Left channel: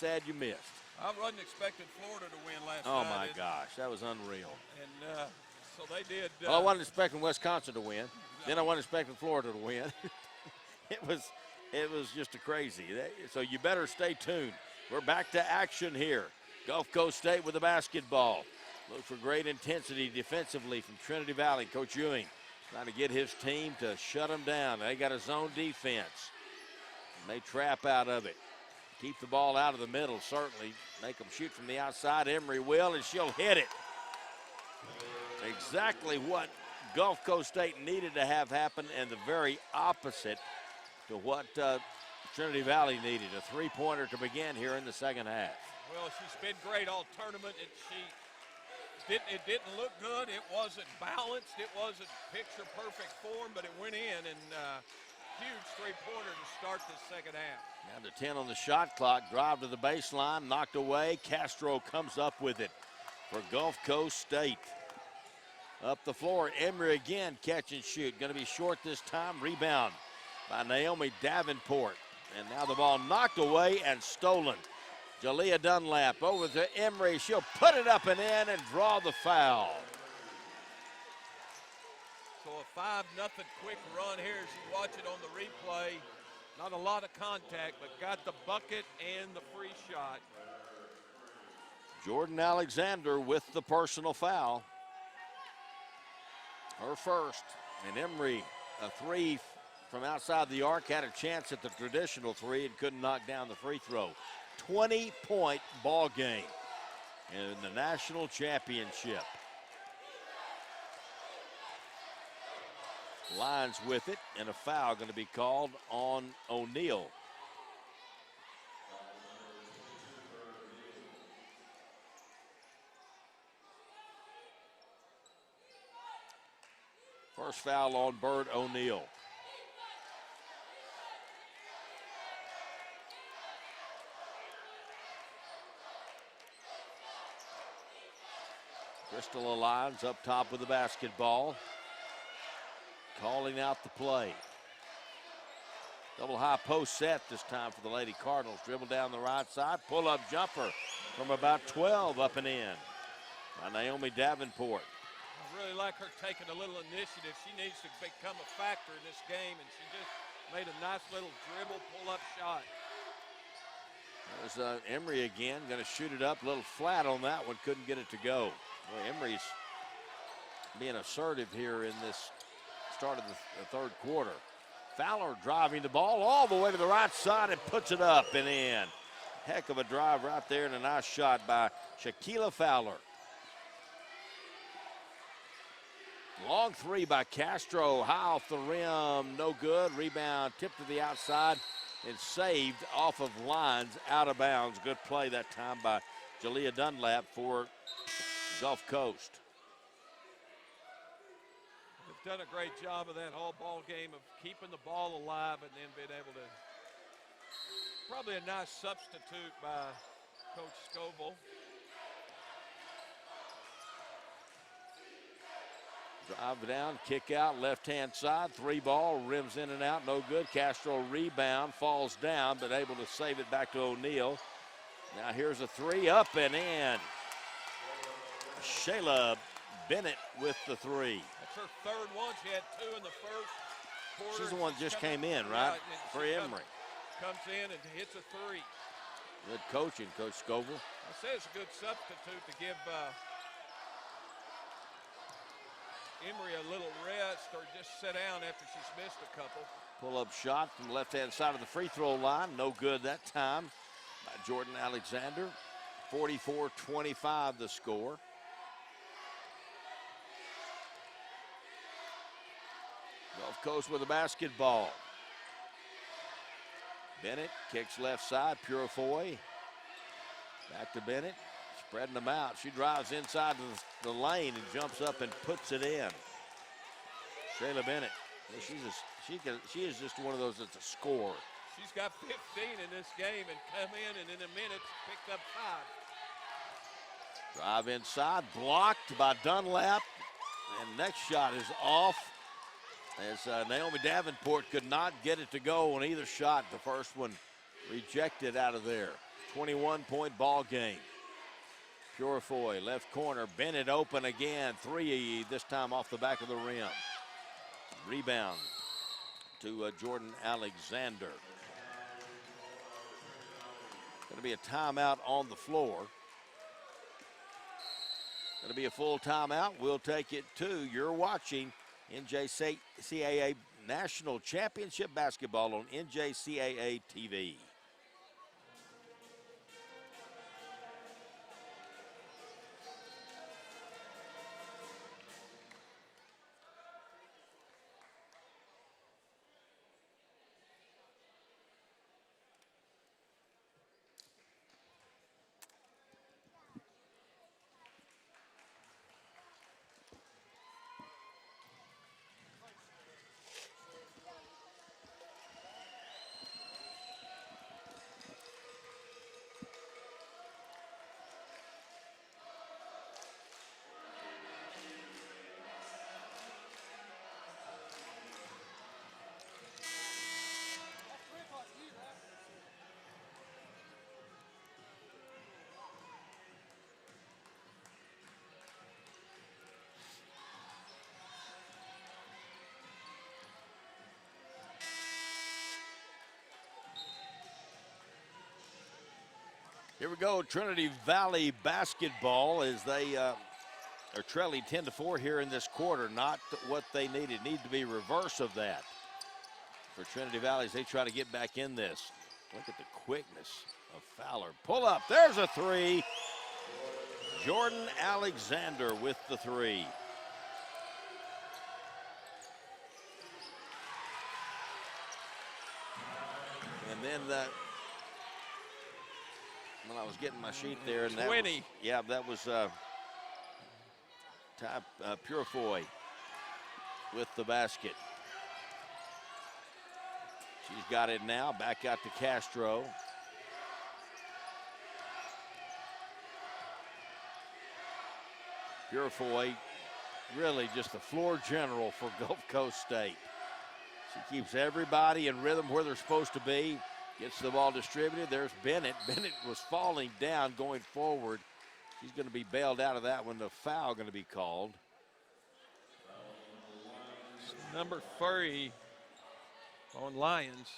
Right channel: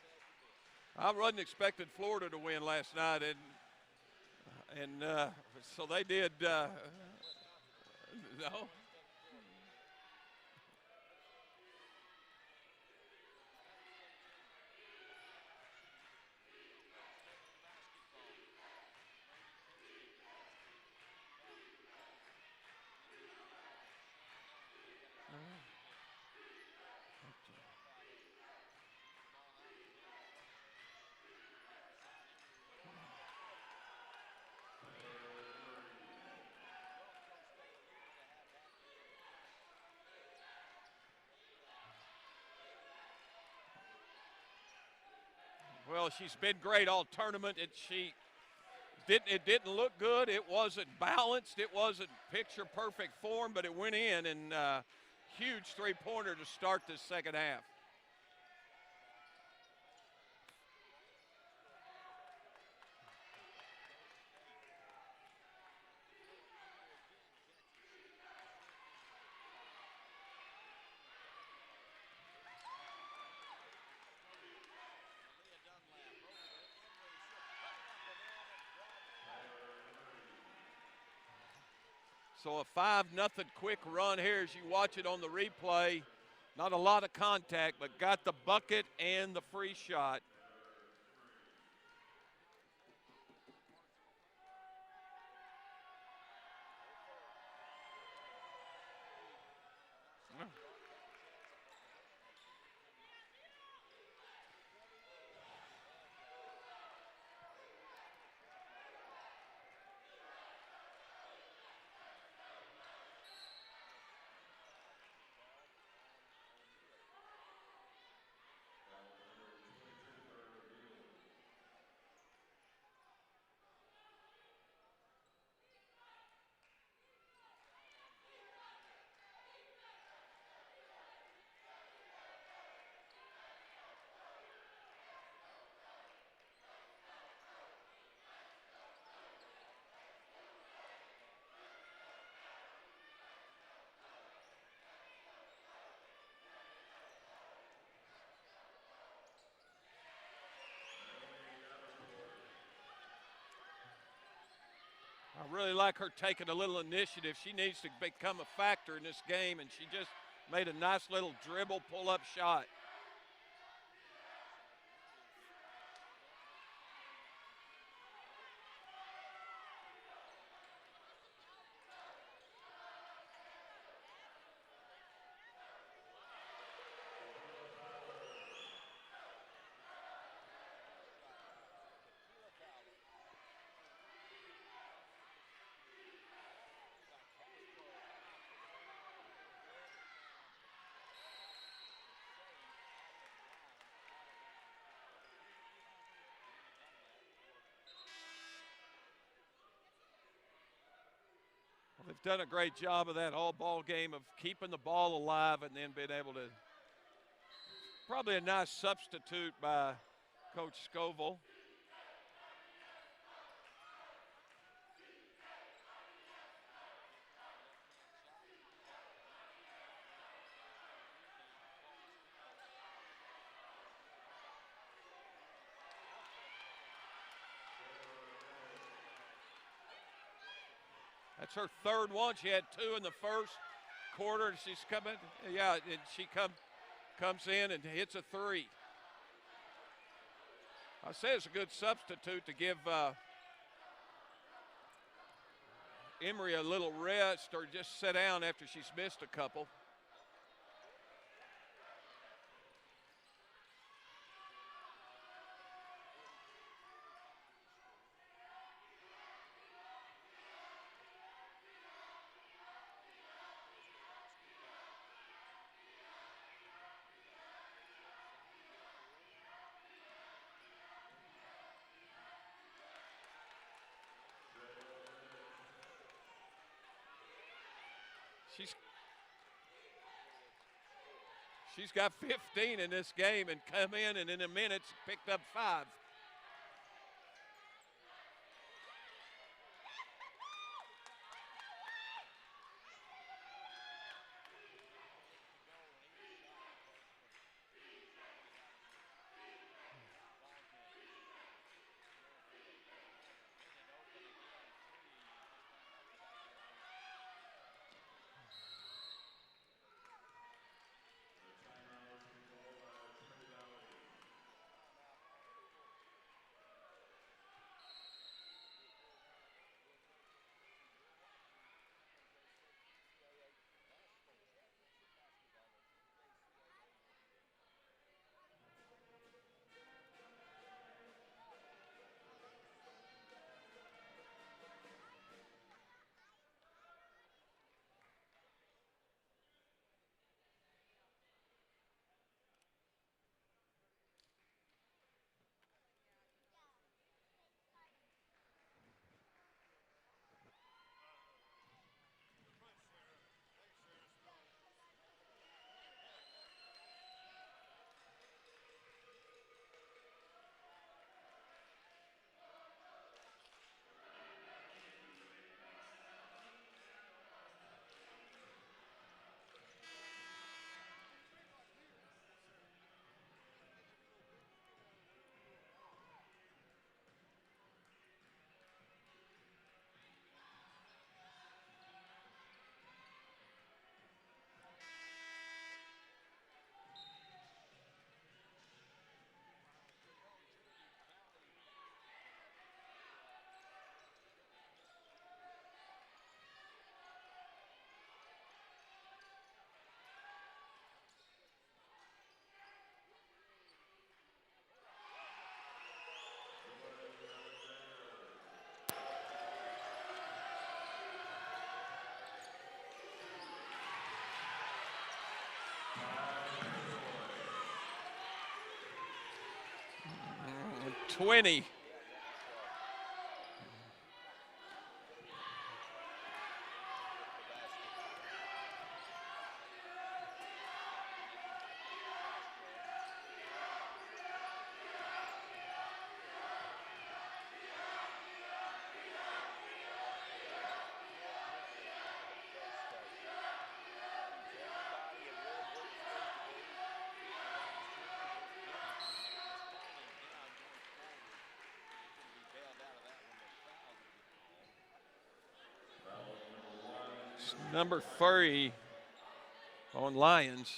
sad you missed. I wasn't expecting Florida to win last night. Oh, my gosh, that was unreal. And so they did. Well, I wasn't expecting Wisconsin to win. No. Then I wasn't expecting Florida to win. It was just a crazy. So you better stay tuned. We're back to action here. Gulf Coast State with the basketball. Look for great intensity defensively from Trinity Valley. Coach Ewing trying to get his team to shut them down. They got a zone defense. They trap out of it. Keep the ball out of the middle, certainly. Make them shoot from the outside. Emory will, and she'll hit it. Exactly what Gulf Coast State needed to have happen, and the very opposite to what Trinity Valley needed. A three-pointer to begin here in the second half. Well, she's been great all tournament. It didn't look good. It wasn't balanced. It wasn't picture-perfect form, but it went in, and huge three-pointer to start this second half. Down to 10 on the shot clock. Drive to the baseline, knocked away. Castro comes up with it for Gulf Coast State. Up the floor, Emory again, catch and shoot. Going to be short this time. Rebound by Naomi Davenport. And now the ball knocked away and stolen. Jalea Dunlap over to Emory. She'll put it up and in and draw the foul. So a 5-0 quick run here as you watch it on the replay. Not a lot of contact, but got the bucket and the free shot. Jordan Alexander with the personal foul. Her first. And Emory, a three from outside the arc, had a chance at the traditional three and couldn't knock down the free throw. 20-point ball game in the national championship. Lions with it, and a foul going to be called on O'Neal. First foul on Bird O'Neal. Crystal Alliance up top with the basketball. Calling out the play. Double high post set this time for the Lady Cardinals. Dribble down the right side. Pull up jumper from about 12 up and in by Naomi Davenport. I really like her taking a little initiative. She needs to become a factor in this game, and she just made a nice little dribble, pull-up shot. There's Emory again, going to shoot it up. A little flat on that one, couldn't get it to go. Boy, Emory's being assertive here in this start of the third quarter. Fowler driving the ball all the way to the right side and puts it up and in. Heck of a drive right there and a nice shot by Shaquila Fowler. Long three by Castro, high off the rim, no good. Rebound tipped to the outside and saved off of lines, out of bounds. Good play that time by Jalea Dunlap for Gulf Coast. They've done a great job of that all ball game of keeping the ball alive and then being able to, probably a nice substitute by Coach Scoville. Drive down, kick out, left-hand side, three ball, rims in and out, no good. Castro rebound, falls down, but able to save it back to O'Neal. Now here's a three, up and in. Shayla Bennett with the three. That's her third one. She had two in the first quarter. She's the one that just came in, right? Yeah, and for she Emory. Comes in and hits a three. Good coaching, Coach Scoville. I say it's a good substitute to give Emory a little rest or just sit down after she's missed a couple. Pull-up shot from the left-hand side of the free throw line. No good that time by Jordan Alexander. 44-25 the score. Gulf Coast with the basketball. Bennett kicks left side, Purifoy. Back to Bennett, spreading them out. She drives inside the lane and jumps up and puts it in. Shayla Bennett, she is just one of those that's a scorer. She's got 15 in this game and come in and in a minute picked up 5. Drive inside, blocked by Dunlap. And next shot is off as Naomi Davenport could not get it to go on either shot. The first one rejected out of there. 21-point ball game. Purifoy, left corner, Bennett open again. Three, this time off the back of the rim. Rebound to Jordan Alexander. Going to be a timeout on the floor. Going to be a full timeout. We'll take it to, you're watching NJCAA National Championship Basketball on NJCAA TV. Here we go, Trinity Valley basketball as they are trailing 10-4 here in this quarter. Not what they needed. Need to be reverse of that for Trinity Valley as they try to get back in this. Look at the quickness of Fowler. Pull up, there's a three. Jordan Alexander with the three. And then when I was getting my sheet there. And 20. Yeah, that was Purifoy with the basket. She's got it now. Back out to Castro. Purifoy, really just the floor general for Gulf Coast State. She keeps everybody in rhythm where they're supposed to be. Gets the ball distributed. There's Bennett. Bennett was falling down going forward. She's going to be bailed out of that one. The foul going to be called. Number 3 on Lions.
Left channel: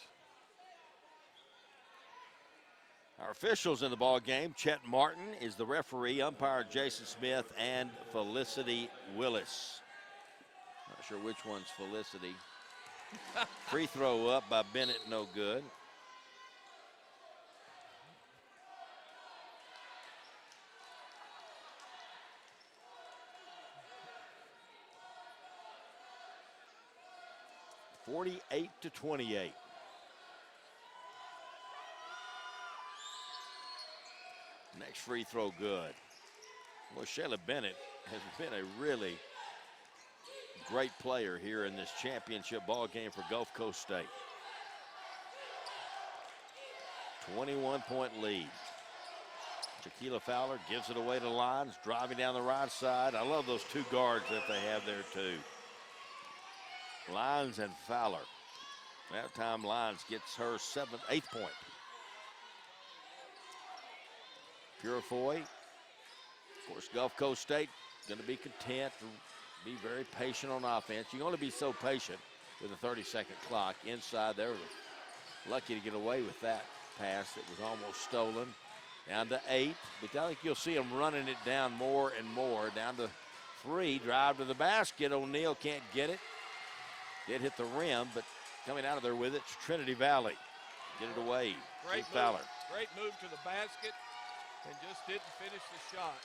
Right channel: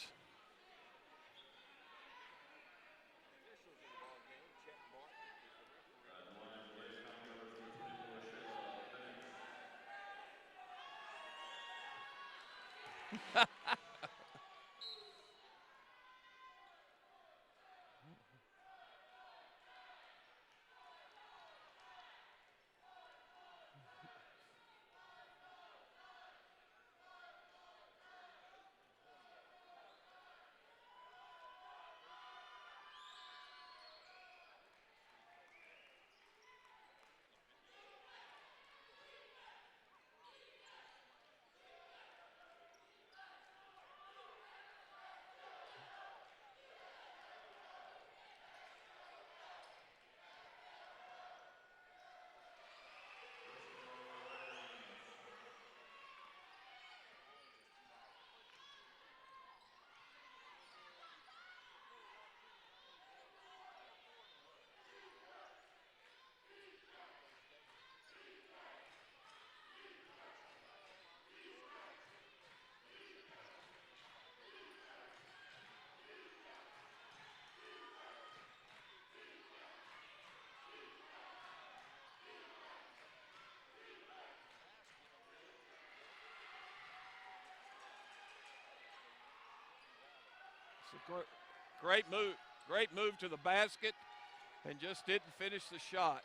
Our officials in the ball game, Chet Martin is the referee, umpire Jason Smith, and Felicity Willis. Not sure which one's Felicity. Free throw up by Bennett, no good. (48-28). Next free throw good. Well, Shayla Bennett has been a really great player here in this championship ball game for Gulf Coast State. 21-point lead. Shaquila Fowler gives it away to Lyons, driving down the right side. I love those two guards that they have there too. Lyons and Fowler. That time Lyons gets her 8th point. Purifoy. Of course, Gulf Coast State going to be content to be very patient on offense. You can only be so patient with a 30-second clock. Inside, they were lucky to get away with that pass that was almost stolen. Down to 8, but I think you'll see them running it down more and more. Down to 3, drive to the basket. O'Neal can't get it. Did hit the rim, but coming out of there with it's Trinity Valley. Get it away. Great move. Fowler. Great move to the basket and just didn't finish the shot.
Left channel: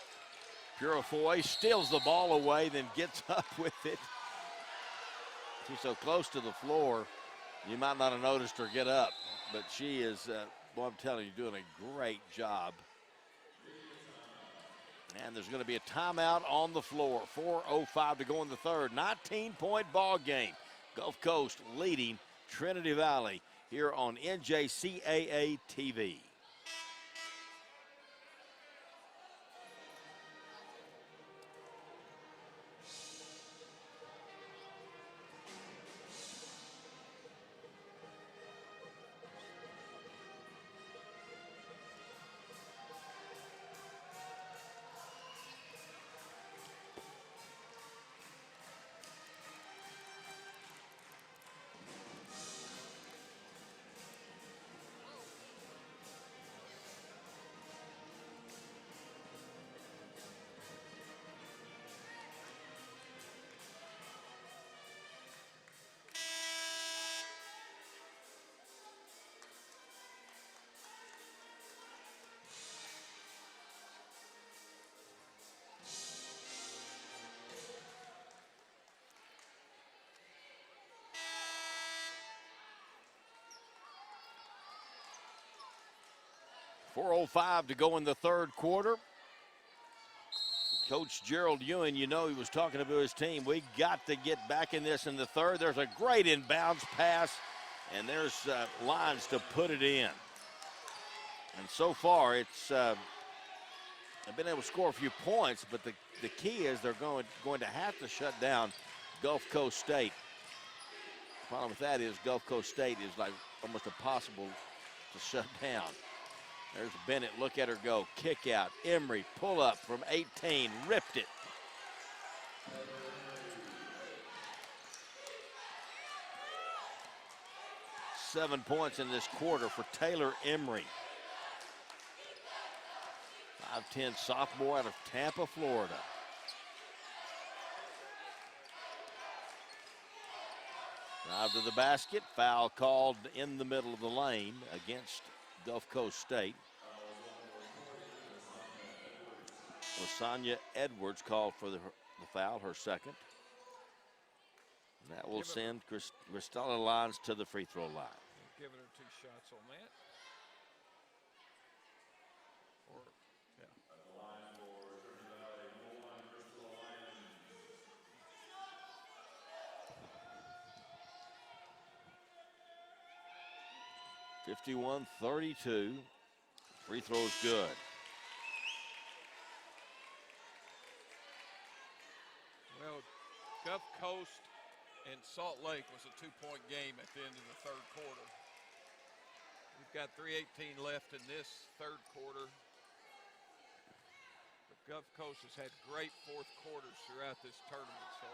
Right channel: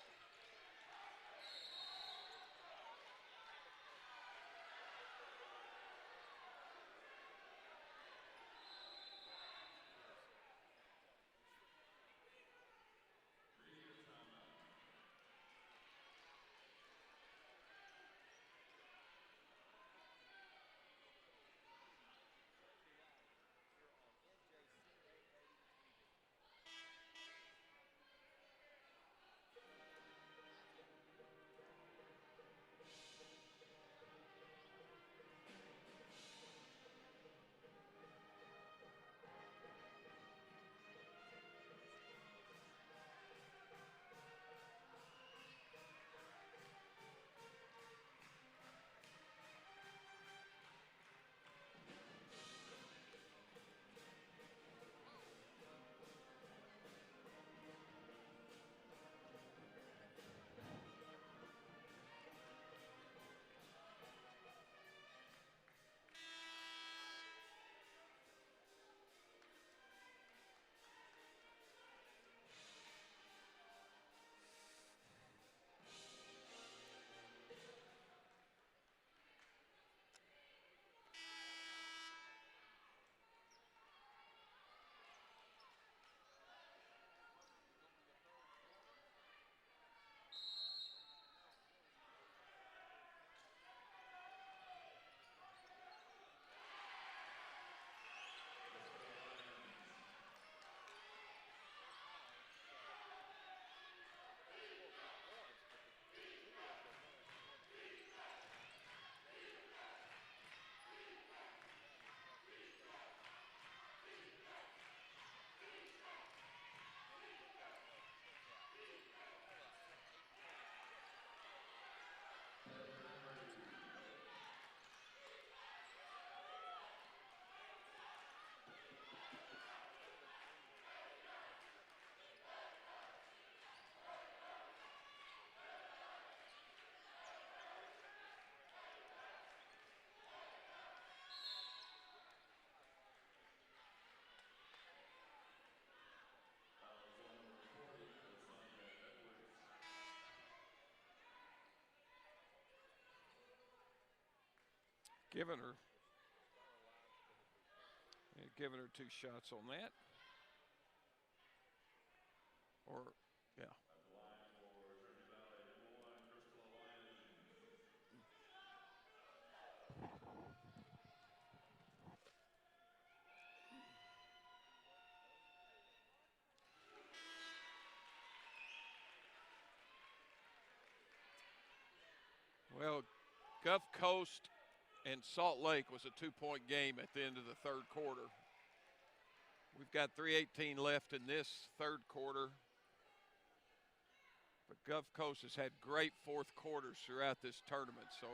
Purifoy steals the ball away, then gets up with it. She's so close to the floor, you might not have noticed her get up, but she is, well, I'm telling you, doing a great job. And there's going to be a timeout on the floor. 4:05 to go in the third. 19-point ball game. Gulf Coast leading Trinity Valley here on NJCAA TV. 4:05 to go in the third quarter. Coach Gerald Ewan, you know, he was talking about his team. We got to get back in this in the third. There's a great inbounds pass, and there's lines to put it in. And so far, it's they've been able to score a few points, but the key is they're going to have to shut down Gulf Coast State. The problem with that is Gulf Coast State is like almost impossible to shut down. There's Bennett, look at her go, kick out. Emery, pull up from 18, ripped it. Seven points in this quarter for Taylor Emery. 5'10" sophomore out of Tampa, Florida. Drive to the basket, foul called in the middle of the lane against Gulf Coast State. Lasagna Edwards called for the foul, her second. That will send Cristela Lyons to the free throw line. And giving her 2 shots on that. Or, yeah. 51-32. Free throw is good. Well, Gulf Coast and Salt Lake was a 2-point game at the end of the third quarter. We've got 3:18 left in this third quarter. But Gulf Coast has had great fourth quarters throughout this tournament, so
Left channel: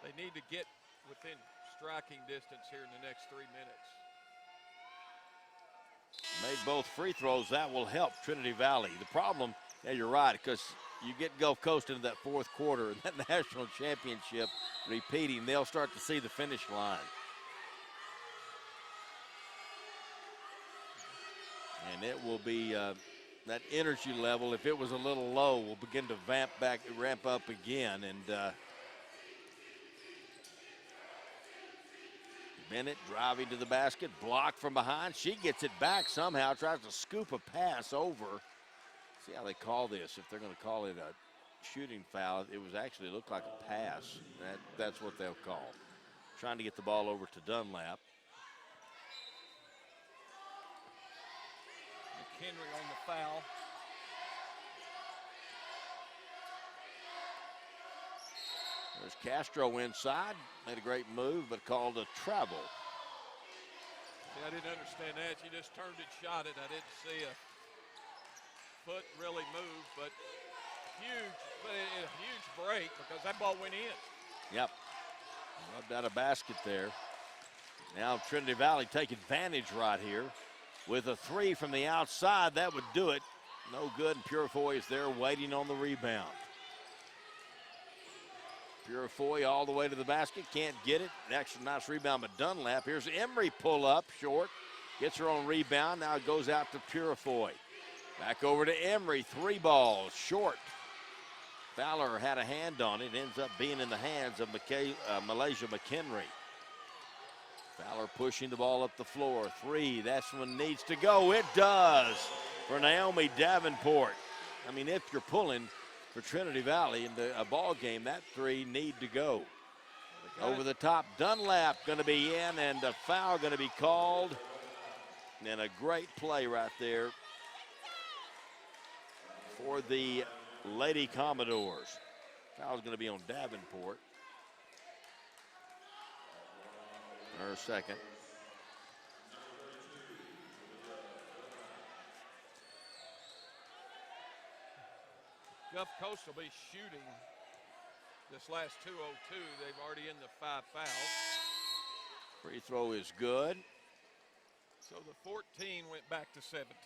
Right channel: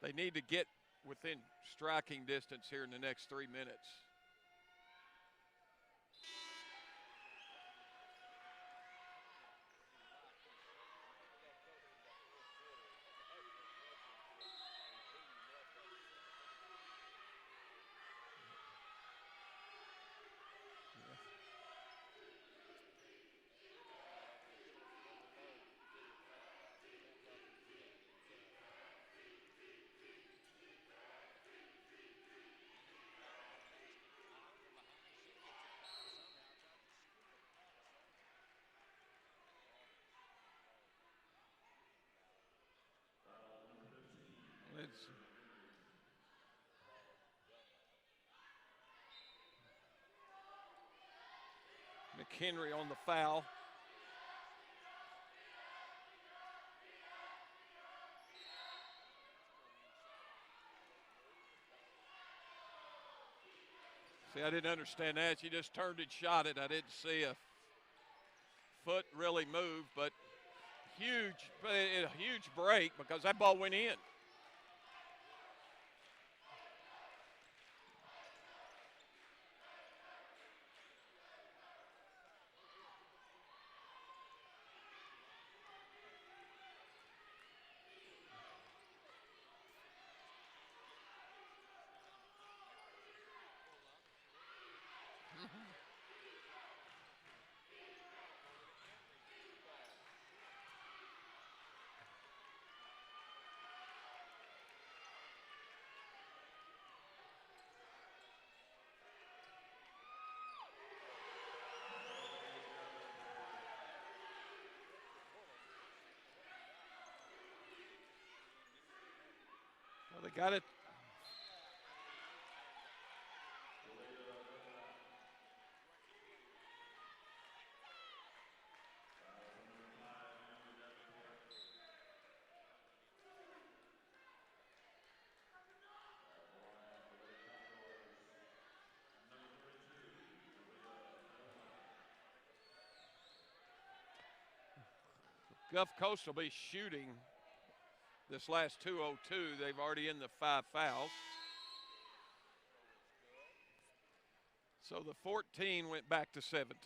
they need to get within striking distance here in the next 3 minutes. Made both free throws. That will help Trinity Valley. The problem, yeah, you're right, because you get Gulf Coast into that fourth quarter, and that national championship repeating, they'll start to see the finish line. And it will be that energy level, if it was a little low, will begin to ramp up again. And Bennett driving to the basket, blocked from behind. She gets it back somehow, tries to scoop a pass over. See how they call this. If they're going to call it a shooting foul, it was actually looked like a pass. That's what they'll call. Trying to get the ball over to Dunlap. McHenry on the foul. There's Castro inside. Made a great move, but called a travel. See, I didn't understand that. She just turned and shot it. I didn't see a foot really move, but a huge break because that ball went in. Yep. Rubbed out a basket there. Now Trinity Valley take advantage right here with a 3 from the outside. That would do it. No good, and Purifoy is there waiting on the rebound. Purifoy all the way to the basket, can't get it. An extra nice rebound by Dunlap. Here's Emery pull up, short. Gets her own rebound, now it goes out to Purifoy. Back over to Emery, 3 balls, short. Fowler had a hand on it, ends up being in the hands of Malaysia McHenry. Fowler pushing the ball up the floor, 3, that's one needs to go. It does for Naomi Davenport. I mean, if you're pulling for Trinity Valley in a ball game, that 3 need to go. Well, over the top, Dunlap going to be in, and a foul going to be called. And a great play right there for the Lady Commodores. Foul's going to be on Davenport. Her second. Gulf Coast will be shooting this last 2:02. They've already in the 5 fouls. Free throw is good. So the 14 went back to 17.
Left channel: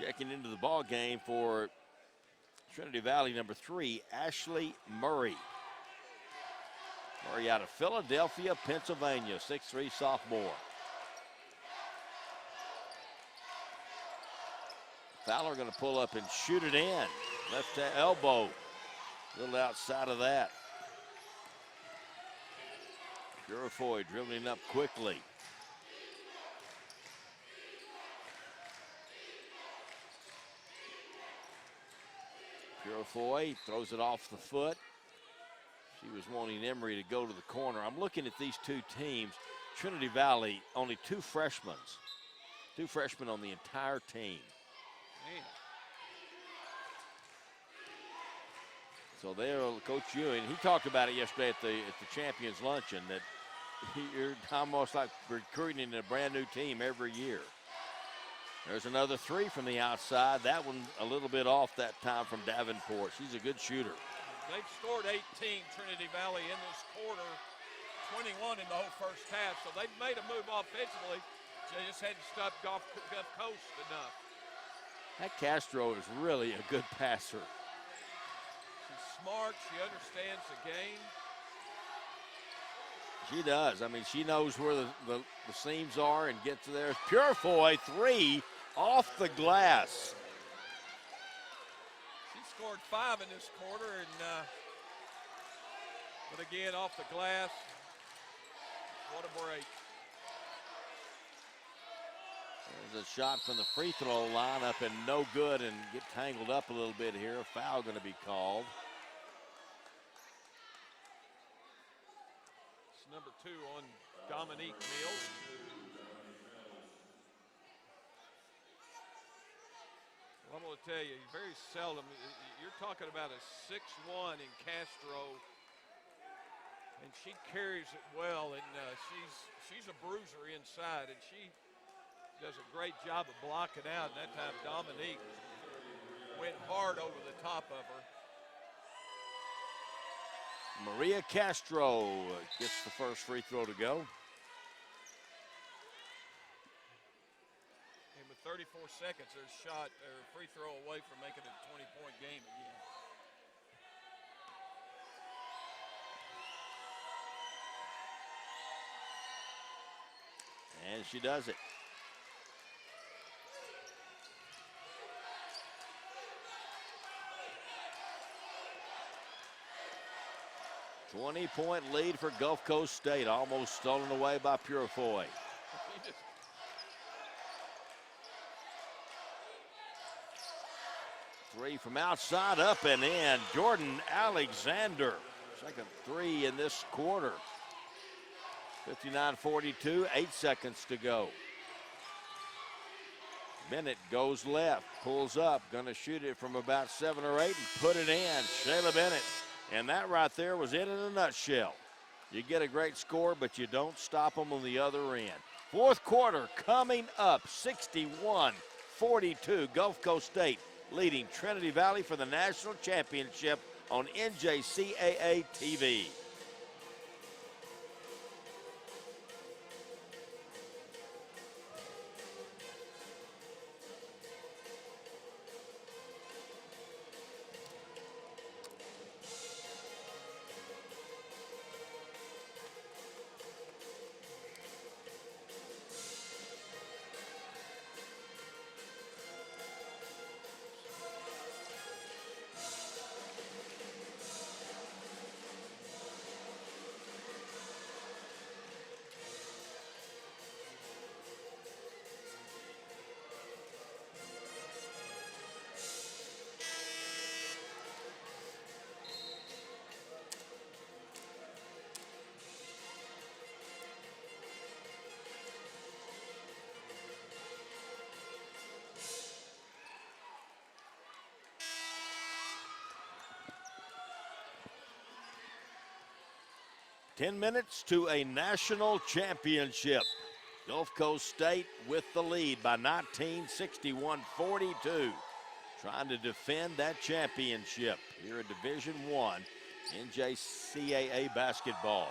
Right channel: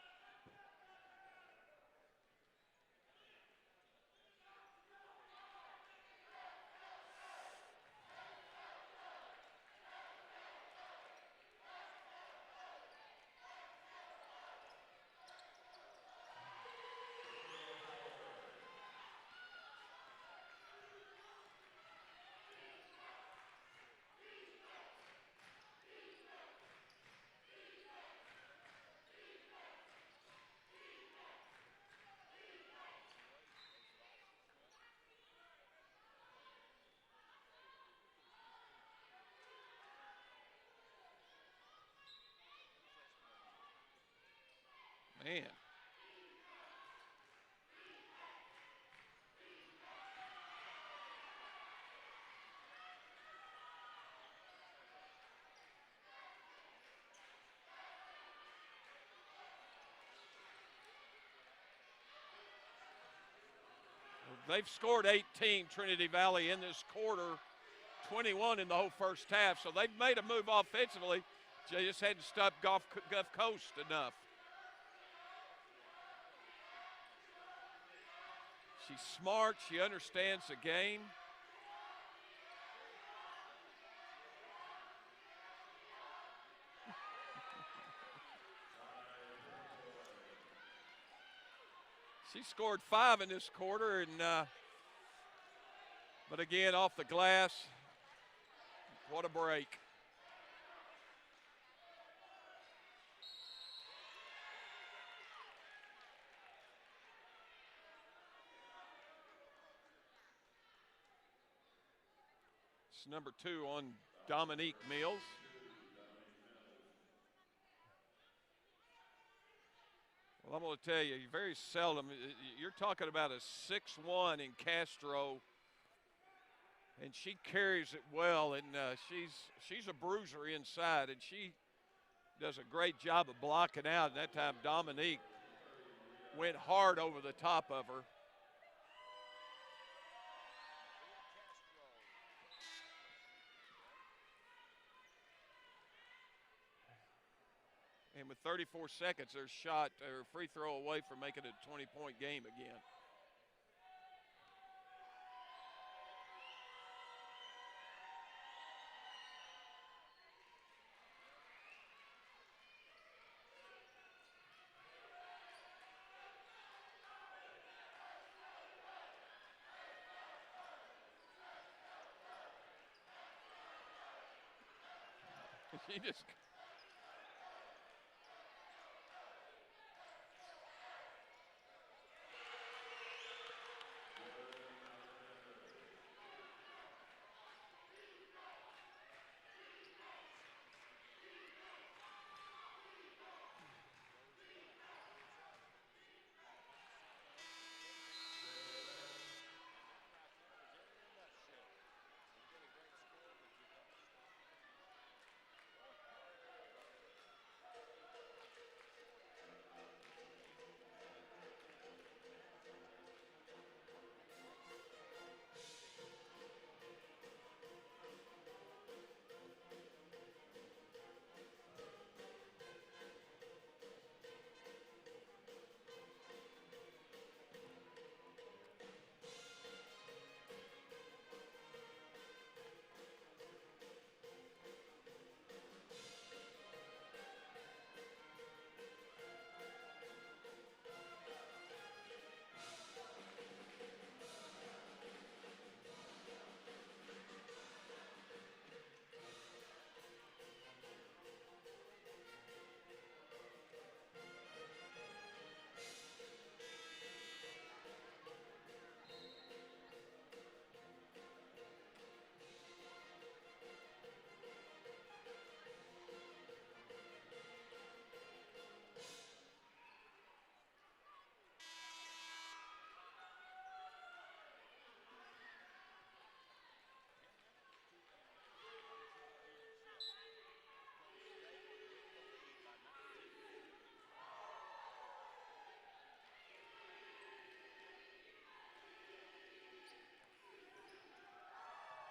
Checking into the ball game for Trinity Valley, number 3, Ashley Murray. Murray out of Philadelphia, Pennsylvania, 6'3" sophomore. Fowler going to pull up and shoot it in. Left elbow, a little outside of that. Purifoy dribbling up quickly. Purifoy throws it off the foot. She was wanting Emery to go to the corner. I'm looking at these two teams. Trinity Valley, only two freshmen on the entire team. Man. So there, Coach Ewing, he talked about it yesterday at the Champions Luncheon, that you're almost like recruiting a brand new team every year. There's another three from the outside. That one a little bit off that time from Davenport. She's a good shooter. They've scored 18, Trinity Valley, in this quarter, 21 in the whole first half. So they've made a move offensively. They just hadn't stopped Gulf Coast enough. That Castro is really a good passer. She's smart. She understands the game. She does. I mean, she knows where the seams are and gets to there. Purifoy, three off the glass. She scored 5 in this quarter, and but again, off the glass. What a break. There's a shot from the free throw line up and no good, and get tangled up a little bit here. A foul going to be called. It's number 2 on Dominique Mills. Well, I'm going to tell you, very seldom, you're talking about a 6'1" in Castro, and she carries it well, and she's a bruiser inside, and she does a great job of blocking out. And that time Dominique went hard over the top of her. Maria Castro gets the first free throw to go. And with 34 seconds, their shot or free throw away from making it a 20-point game again. And she does it. .20 lead for Gulf Coast State, almost stolen away by Purifoy. Three from outside, up and in. Jordan Alexander, second three in this quarter. 59-42, 8 seconds to go. Bennett goes left, pulls up, gonna shoot it from about 7 or 8 and put it in. Shayla Bennett. And that right there was it in a nutshell. You get a great score, but you don't stop them on the other end. Fourth quarter coming up, 61-42. Gulf Coast State leading Trinity Valley for the national championship on NJCAA TV. Ten minutes to a national championship. Gulf Coast State with the lead by 19, 61-42. Trying to defend that championship here at Division I NJCAA basketball.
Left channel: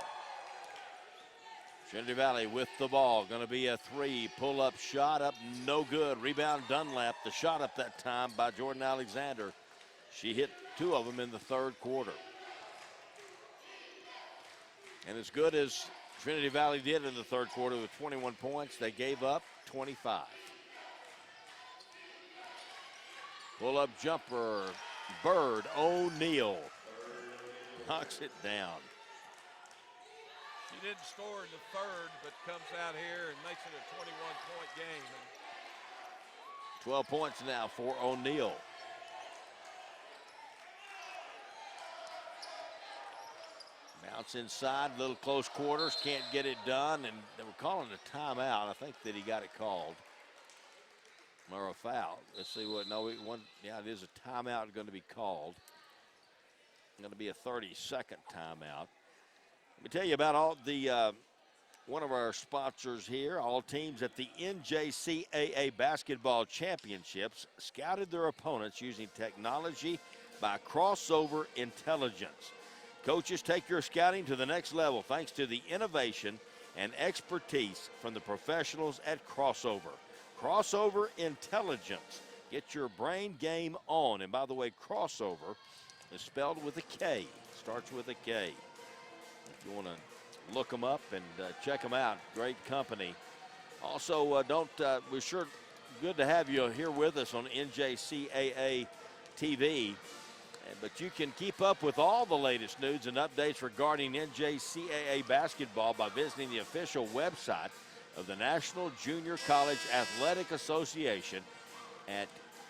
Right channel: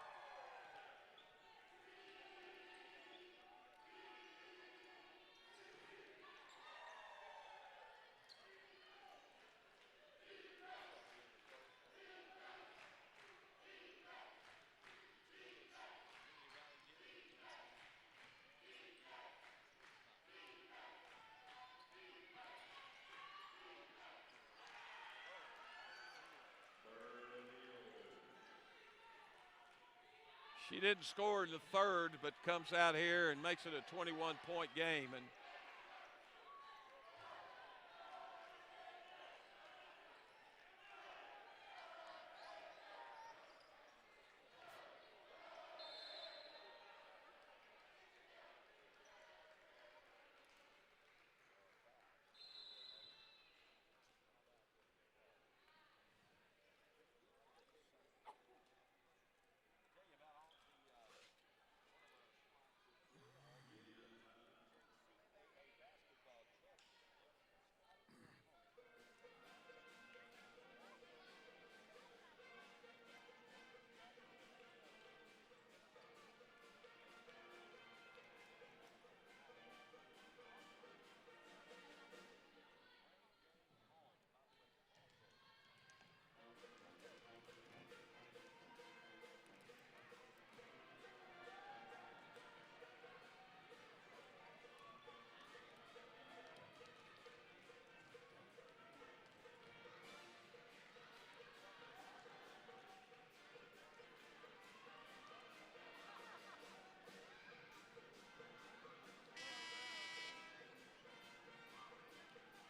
Trinity Valley with the ball. Going to be a three. Pull-up shot up, no good. Rebound Dunlap. The shot up that time by Jordan Alexander. She hit 2 of them in the third quarter. And as good as Trinity Valley did in the third quarter with 21 points, they gave up 25. Pull-up jumper, Bird O'Neal knocks it down. She didn't score in the third, but comes out here and makes it a 21-point game. And 12 points now for O'Neal. bounce inside, little close quarters, can't get it done, and they were calling a timeout. I think that he got it called. Or a foul. Let's see what, no, yeah, it is a timeout going to be called. Going to be a 30-second timeout. Let me tell you about all the, one of our sponsors here. All teams at the NJCAA Basketball Championships scouted their opponents using technology by crossover intelligence. Coaches take your scouting to the next level thanks to the innovation and expertise from the professionals at Crossover. Crossover Intelligence. Get your brain game on. And by the way, Crossover is spelled with a K. Starts with a K. If you want to look them up and check them out, great company. Also, we're sure good to have you here with us on NJCAA TV. But you can keep up with all the latest news and updates regarding NJCAA basketball by visiting the official website of the National Junior College Athletic Association at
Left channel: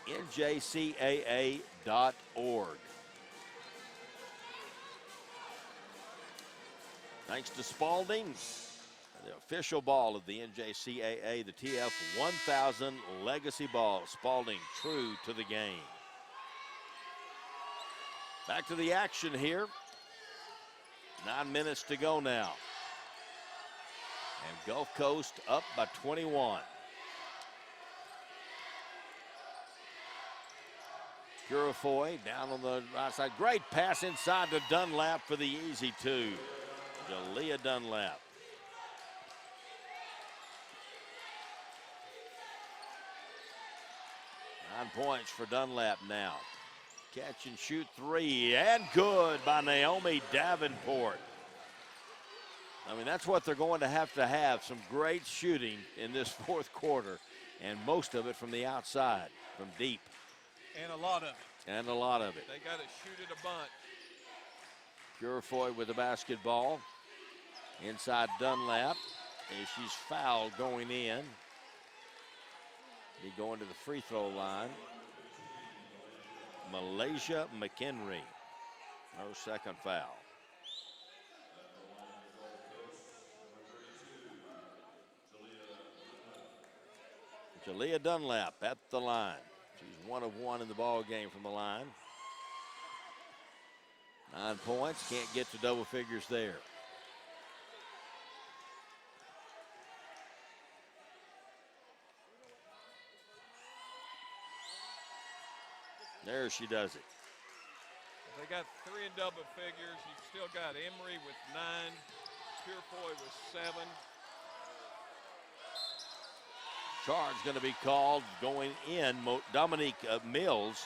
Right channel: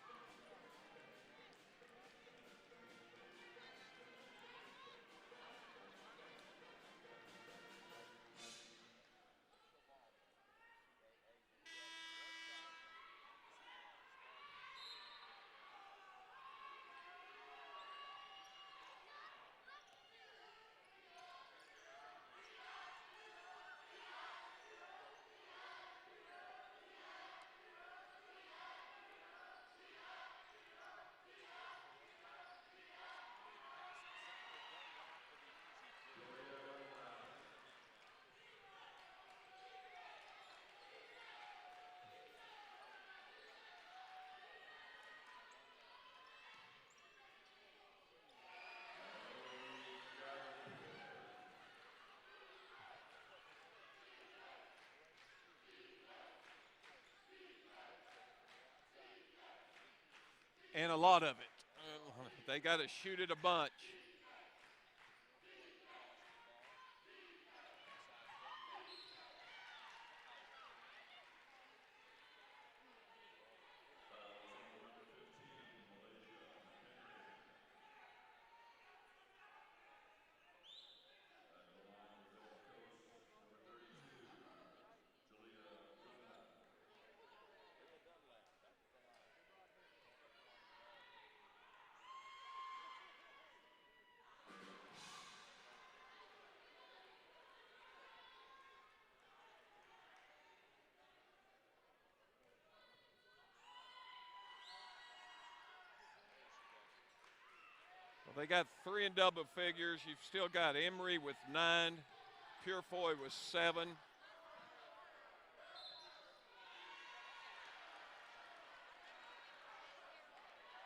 njcaa.org. Thanks to Spalding, the official ball of the NJCAA, the TF 1000 Legacy Ball. Spalding true to the game. Back to the action here. 9 minutes to go now. And Gulf Coast up by 21. Purifoy down on the right side. Great pass inside to Dunlap for the easy two. Jalea Dunlap. Nine points for Dunlap now. Catch and shoot three, and good by Naomi Davenport. I mean, that's what they're going to have some great shooting in this fourth quarter, and most of it from the outside, from deep. And a lot of it. And a lot of it. They got to shoot it a bunch. Purifoy with the basketball. Inside Dunlap, and she's fouled going in. Be going to the free throw line. Malaysia McHenry, her second foul. Jalea Dunlap at the line. She's 1 of 1 in the ball game from the line. 9 points, can't get to double figures there. There she does it. Well, they got 3 in double figures. You've still got Emery with 9, Purifoy with 7. Charge going to be called going in. Dominique Mills.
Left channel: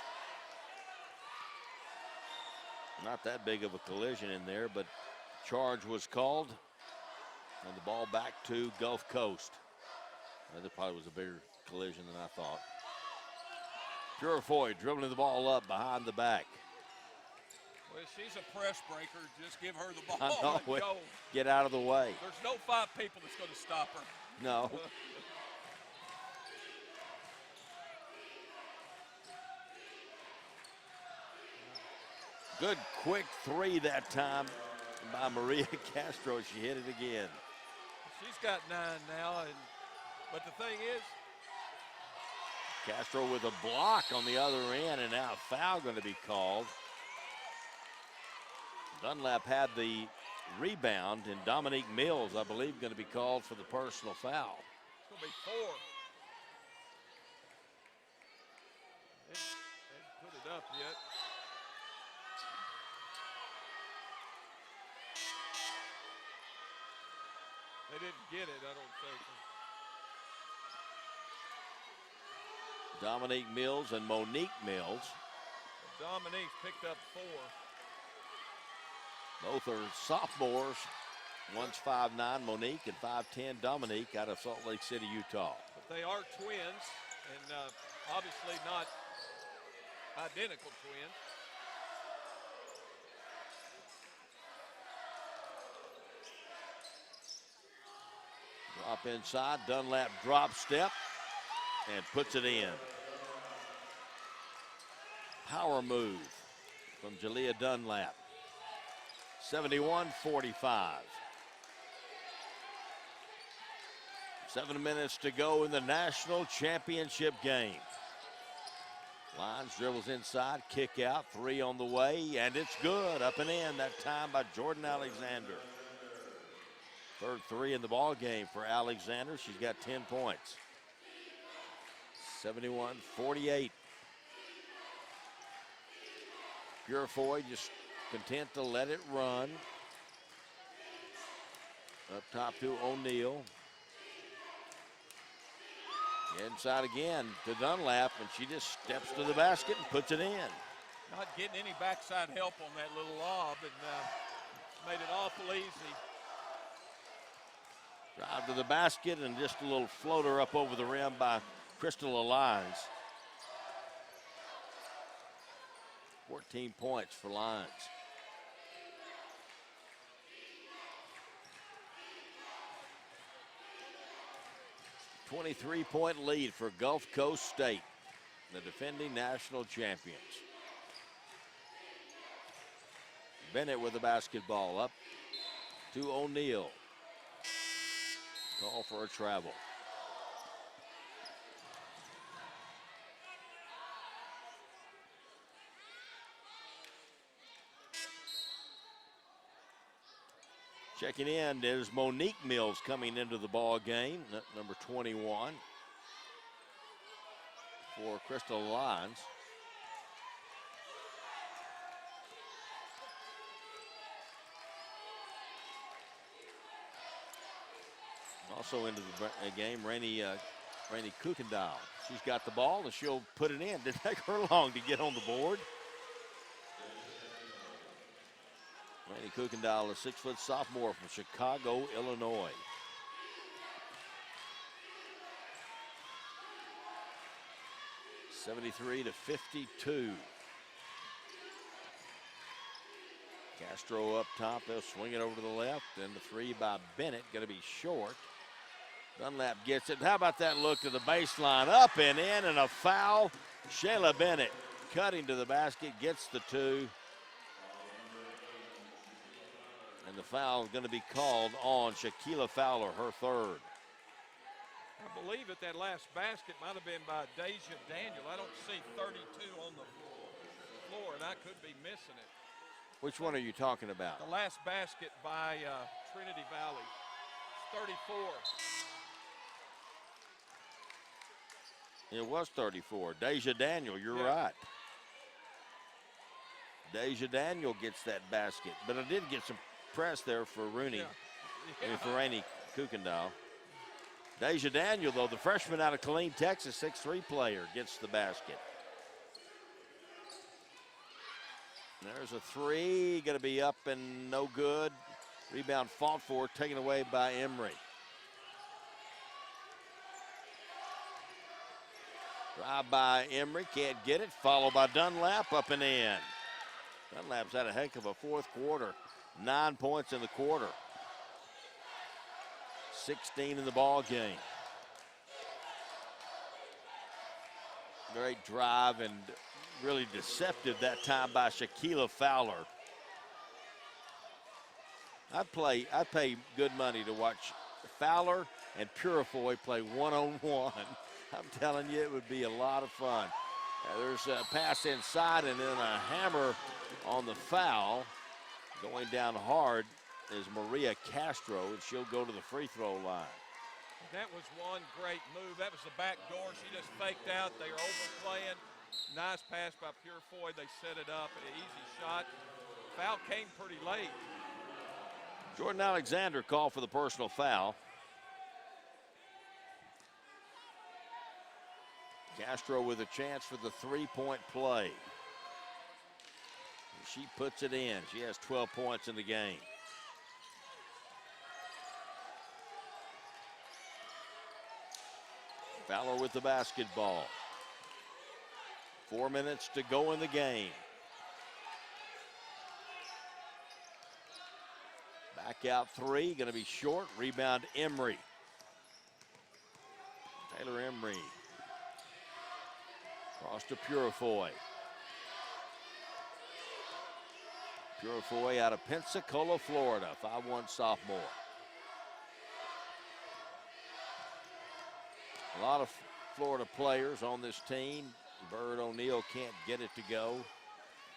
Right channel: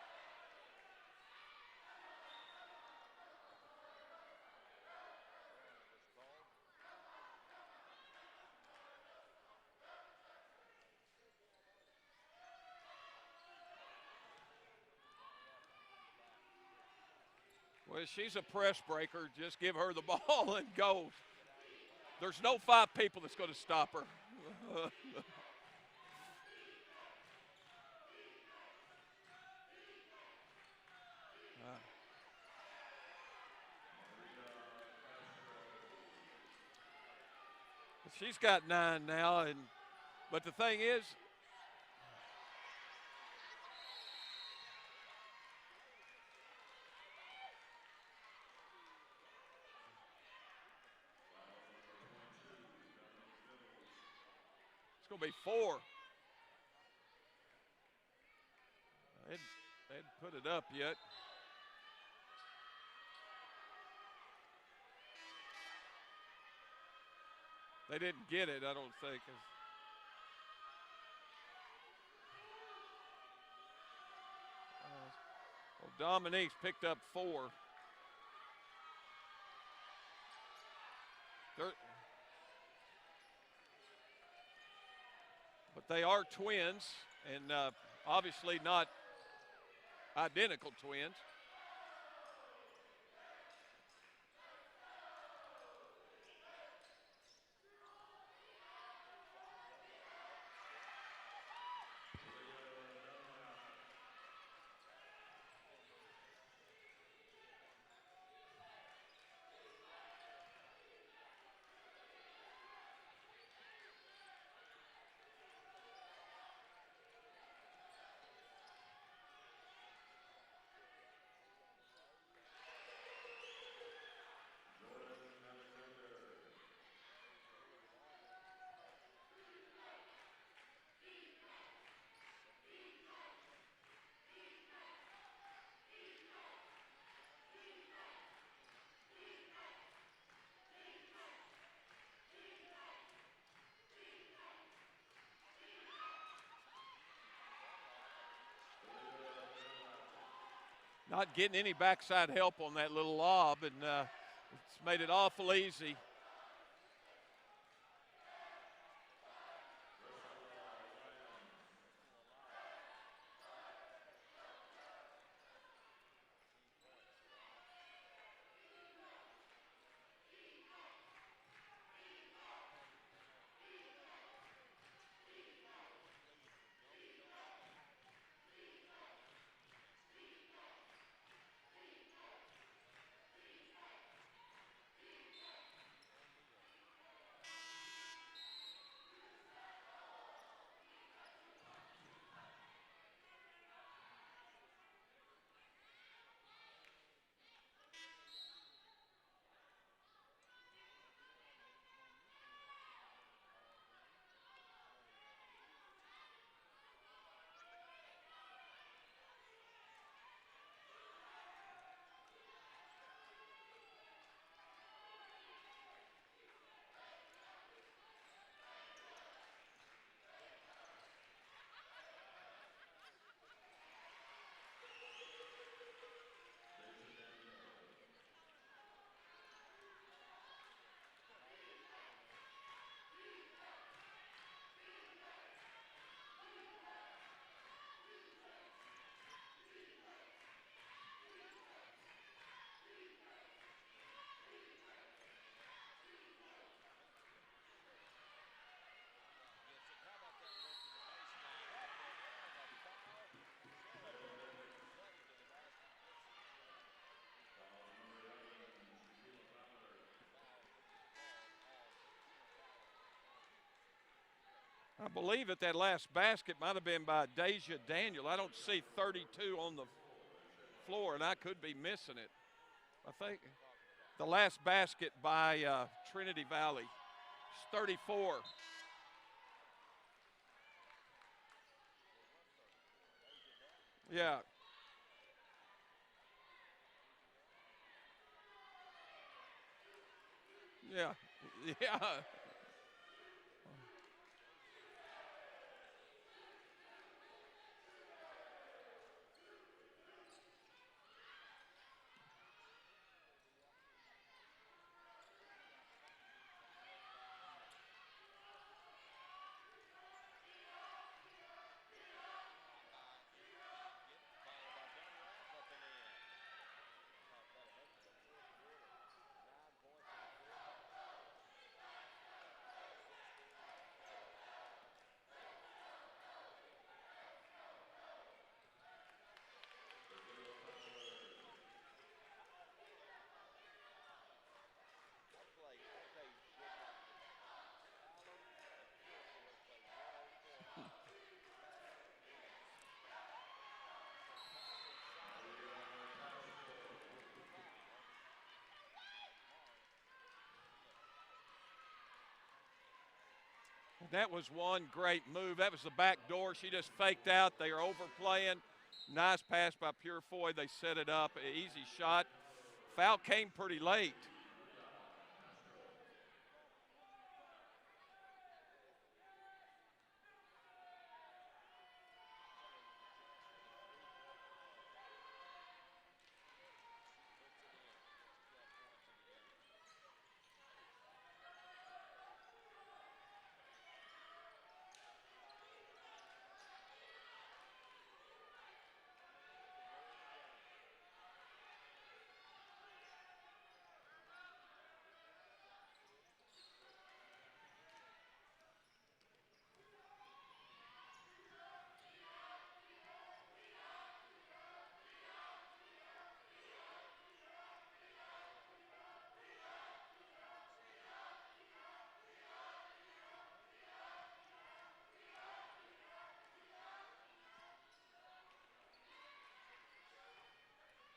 Not that big of a collision in there, but charge was called. And the ball back to Gulf Coast. That probably was a bigger collision than I thought. Purifoy dribbling the ball up behind the back. Well, she's a press breaker. Just give her the ball and go. Get out of the way. There's no 5 people that's going to stop her. No. Good quick 3 that time by Maria Castro. She hit it again. She's got 9 now, but the thing is, Castro with a block on the other end, and now a foul going to be called. Dunlap had the rebound, and Dominique Mills, I believe, going to be called for the personal foul. It's going to be 4. They hadn't put it up yet. They didn't get it, I don't think. Dominique Mills and Monique Mills. Well, Dominique's picked up 4. Both are sophomores. One's 5'9", Monique, and 5'10", Dominique, out of Salt Lake City, Utah. But they are twins, and obviously not identical twins. Drop inside, Dunlap drop step, and puts it in. Power move from Jalea Dunlap. 71-45. 7 minutes to go in the national championship game. Lyons dribbles inside, kick out, 3 on the way, and it's good. Up and in that time by Jordan Alexander. Third 3 in the ball game for Alexander. She's got 10 points. 71-48. Purifoy just content to let it run. Up top to O'Neal. Inside again to Dunlap, and she just steps to the basket and puts it in. Not getting any backside help on that little lob, and it's made it awful easy. Drive to the basket and just a little floater up over the rim by Crystal Lyons. 14 points for Lyons. 23-point lead for Gulf Coast State, the defending national champions. Bennett with the basketball, up to O'Neal. Call for a travel. Checking in, there's Monique Mills coming into the ball game, number 21 for Crystal Lyons. Also into the game, Rainey Kukendall. She's got the ball and she'll put it in. Didn't take her long to get on the board. Rainey Kukendall, a 6-foot sophomore from Chicago, Illinois. (73-52). Castro up top, they'll swing it over to the left, and the 3 by Bennett, gonna be short. Dunlap gets it. How about that look to the baseline? Up and in, and a foul. Shayla Bennett cutting to the basket, gets the 2. And the foul is going to be called on Shaquila Fowler, her 3rd. I believe that last basket might have been by Deja Daniel. I don't see 32 on the floor, and I could be missing it. Which one are you talking about? The last basket by Trinity Valley. It's 34. It was 34. Deja Daniel, you're Yeah. right. Deja Daniel gets that basket, but I did get some press there for Rooney. Yeah. And for Rainey Kukendall. Deja Daniel, though, the freshman out of Killeen, Texas, 6'3" player, gets the basket. There's a 3, going to be up and no good. Rebound fought for, taken away by Emery. Drive by Emery, can't get it. Followed by Dunlap, up and in. Dunlap's had a heck of a 4th quarter. 9 points in the quarter. 16 in the ball game. Great drive and really deceptive that time by Shaquila Fowler. I'd pay good money to watch Fowler and Purifoy play one-on-one. I'm telling you, it would be a lot of fun. There's a pass inside and then a hammer on the foul. Going down hard is Maria Castro, and she'll go to the free throw line. That was one great move. That was the back door. She just faked out. They are overplaying. Nice pass by Purifoy. They set it up. An easy shot. Foul came pretty late. Jordan Alexander called for the personal foul. Castro with a chance for the 3-point play. She puts it in. She has 12 points in the game. Fowler with the basketball. 4 minutes to go in the game. Back out 3, going to be short. Rebound Emery. Taylor Emery. Cross to Purifoy. Purifoy out of Pensacola, Florida, 5'1" sophomore. A lot of Florida players on this team. Bird O'Neill can't get it to go.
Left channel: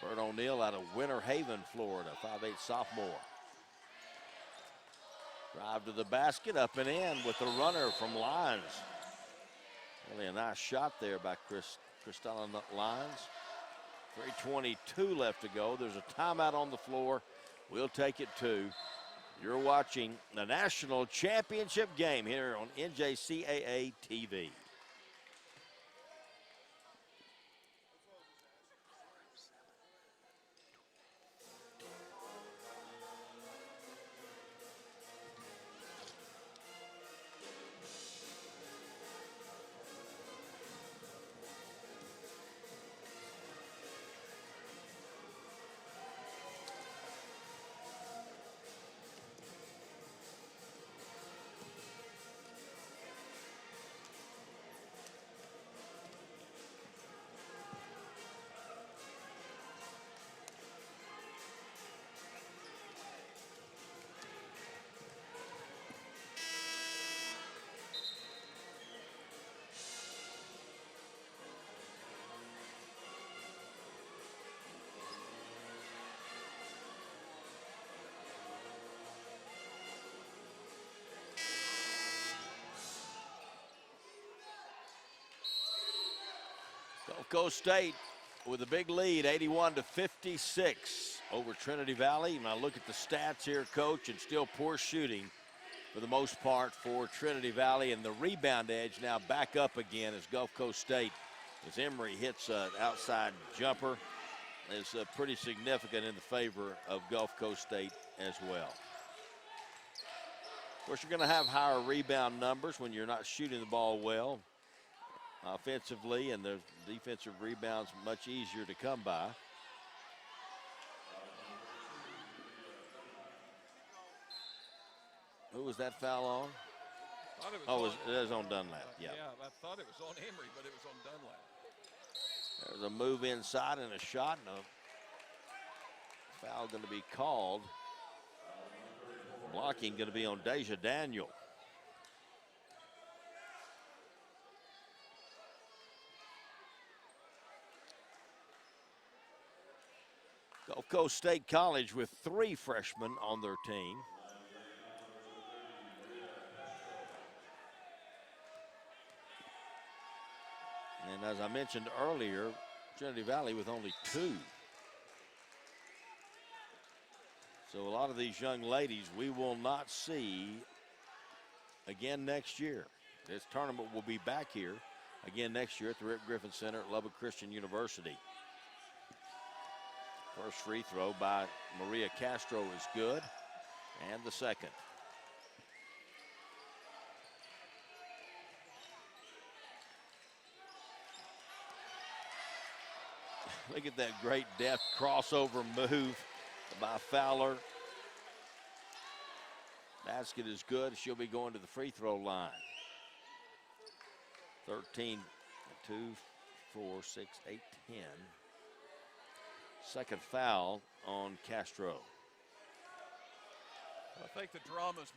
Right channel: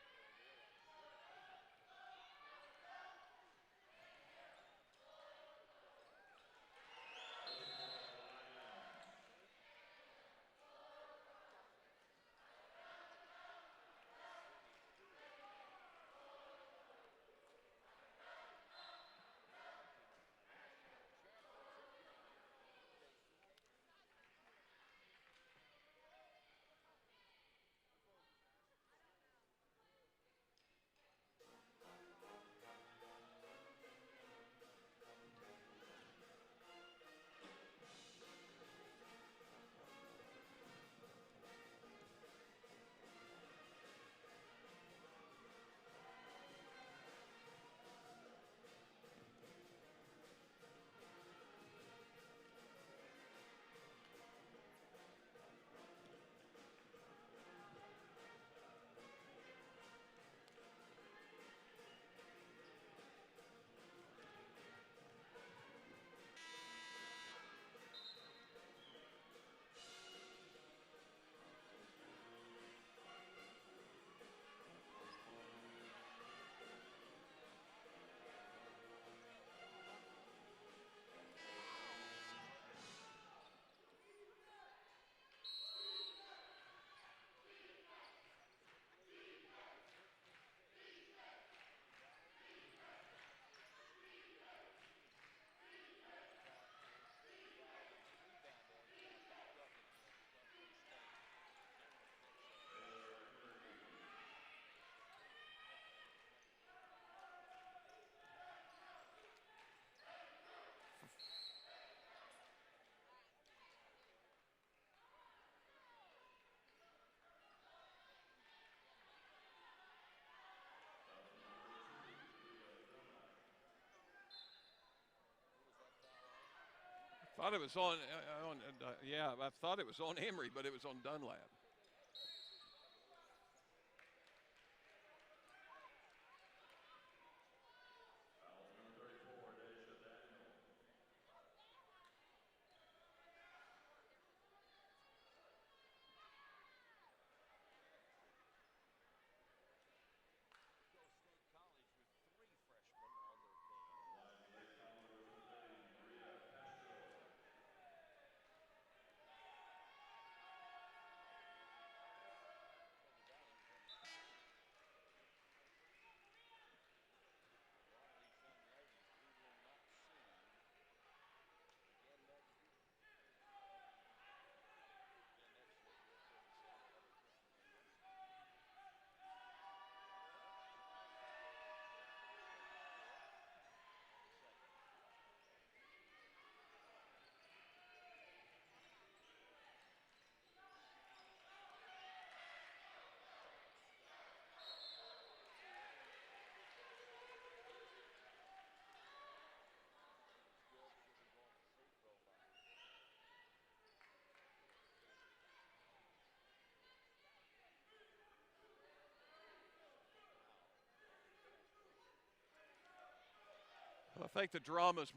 Bird O'Neill out of Winter Haven, Florida, 5'8" sophomore. Drive to the basket, up and in with the runner from Lyons. Really a nice shot there by Cristela Lyons. 3:22 left to go. There's a timeout on the floor. We'll take it to. You're watching the national championship game here on NJCAA TV. Gulf Coast State with a big lead, 81-56 over Trinity Valley. And I look at the stats here, Coach, and still poor shooting for the most part for Trinity Valley. And the rebound edge now back up again as Gulf Coast State, as Emory hits an outside jumper, is pretty significant in the favor of Gulf Coast State as well. Of course, you're going to have higher rebound numbers when you're not shooting the ball well offensively, and the defensive rebounds much easier to come by. Who was that foul on? Thought it was it was on Dunlap. Yeah, I thought it was on Emory, but it was on Dunlap. There's a move inside and a shot, and a foul going to be called. Blocking going to be on Deja Daniel. Gulf Coast State College with 3 freshmen on their team. And as I mentioned earlier, Trinity Valley with only 2. So a lot of these young ladies we will not see again next year. This tournament will be back here again next year at the Rip Griffin Center at Lubbock Christian University. First free throw by Maria Castro is good, and the second. Look at that great deft crossover move by Fowler. Basket is good. She'll be going to the free throw line. 13, 2, 4, 6, 8, 10. Second foul on Castro. I think the drama's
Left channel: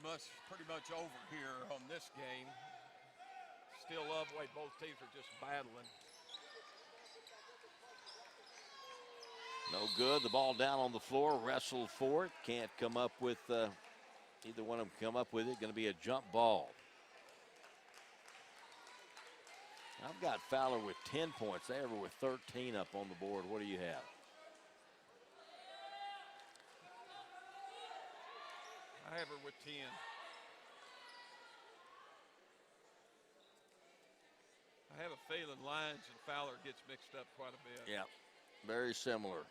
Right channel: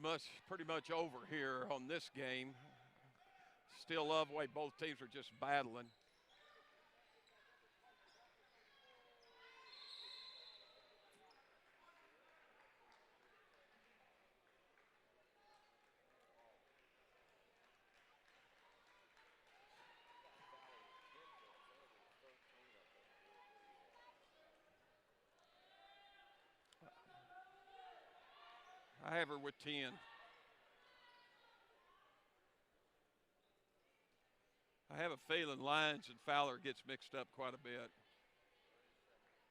pretty much over here on this game. Still love the way both teams are just battling. No good. The ball down on the floor. Wrestled for it. Can't come up with either one of them come up with it. Going to be a jump ball. I've got Fowler with 10 points. They were with 13 up on the board. What do you have? I have her with 10. I have a feeling Lyons and Fowler gets mixed up quite a bit. Yeah, very similar.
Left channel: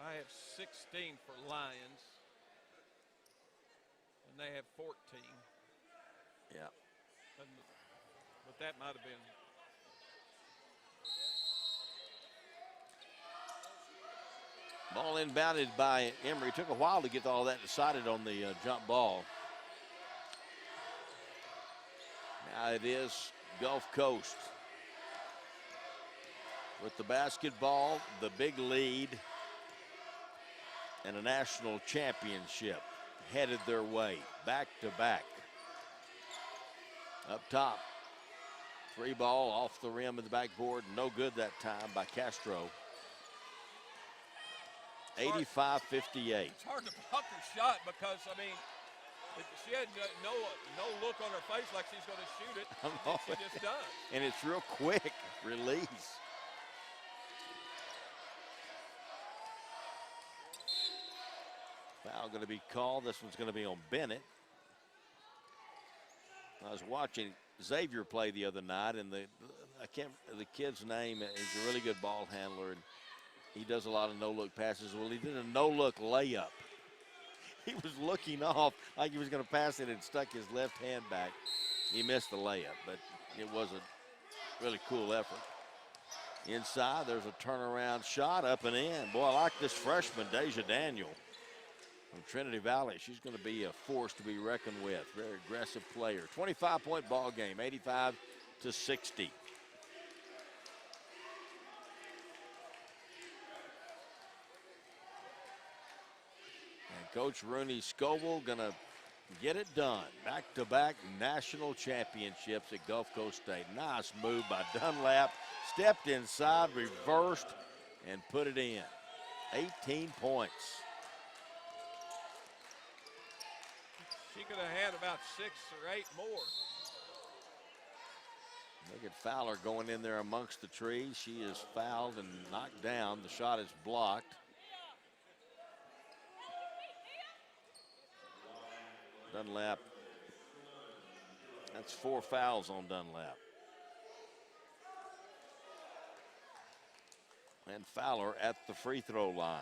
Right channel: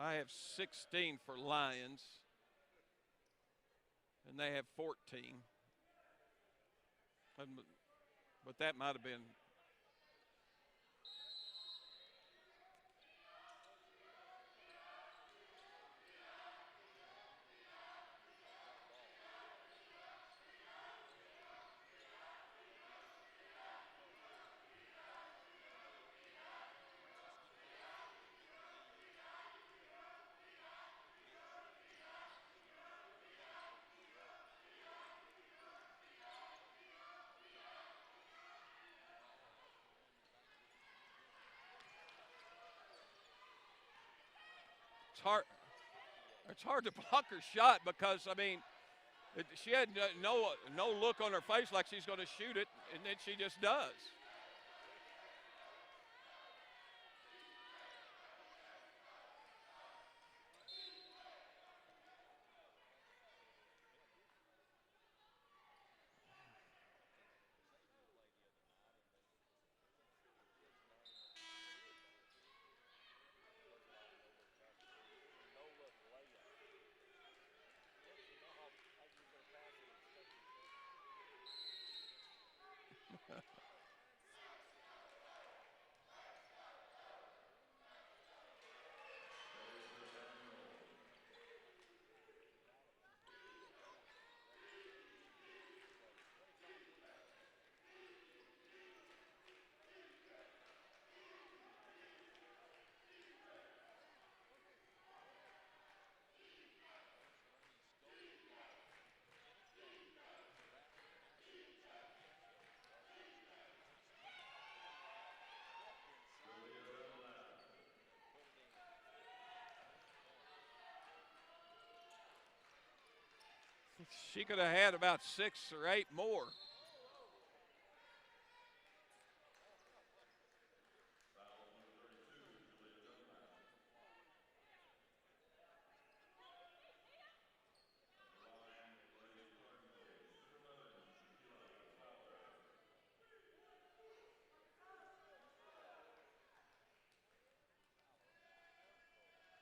I have 16 for Lyons, and they have 14. Yeah. But that might have been. Ball inbounded by Emory. Took a while to get all that decided on the jump ball. Now it is Gulf Coast with the basketball, the big lead. and a national championship headed their way, back to back. Up top, 3 ball off the rim of the backboard, no good that time by Castro. 85-58. It's hard to block her shot because, I mean, she had no look on her face like she's going to shoot it, and then she just does. And it's real quick release. Foul going to be called. This one's going to be on Bennett. I was watching Xavier play the other night, and the kid's name is a really good ball handler, and he does a lot of no-look passes. Well, he did a no-look layup. He was looking off like he was going to pass it and stuck his left hand back. He missed the layup, but it was a really cool effort. Inside, there's a turnaround shot up and in. Boy, I like this freshman, Deja Daniel from Trinity Valley. She's going to be a force to be reckoned with. Very aggressive player. 25-point ball game, 85-60. Coach Rooney Scoble gonna get it done. Back-to-back national championships at Gulf Coast State. Nice move by Dunlap. Stepped inside, reversed, and put it in. 18 points. She could have had about 6 or 8 more. Look at Fowler going in there amongst the trees. She is fouled and knocked down. The shot is blocked. Dunlap, that's 4 fouls on Dunlap. And Fowler at the free throw line.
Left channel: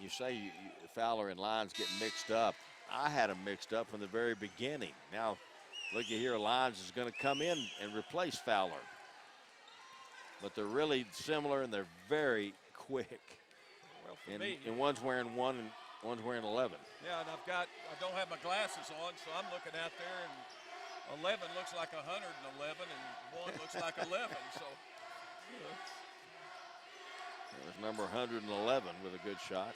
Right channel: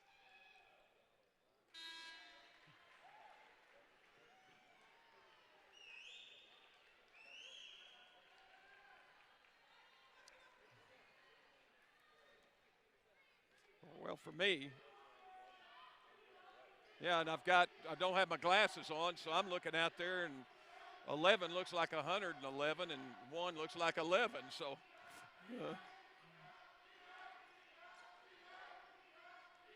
You say Fowler and Lyons get mixed up. I had them mixed up from the very beginning. Now, look at here, Lyons is going to come in and replace Fowler. But they're really similar and they're very quick. Well, for me. And one's wearing 1 and one's wearing 11. Yeah, and I don't have my glasses on, so I'm looking out there, and 11 looks like 111, and 1 looks like 11. So. There's number 111 with a good shot.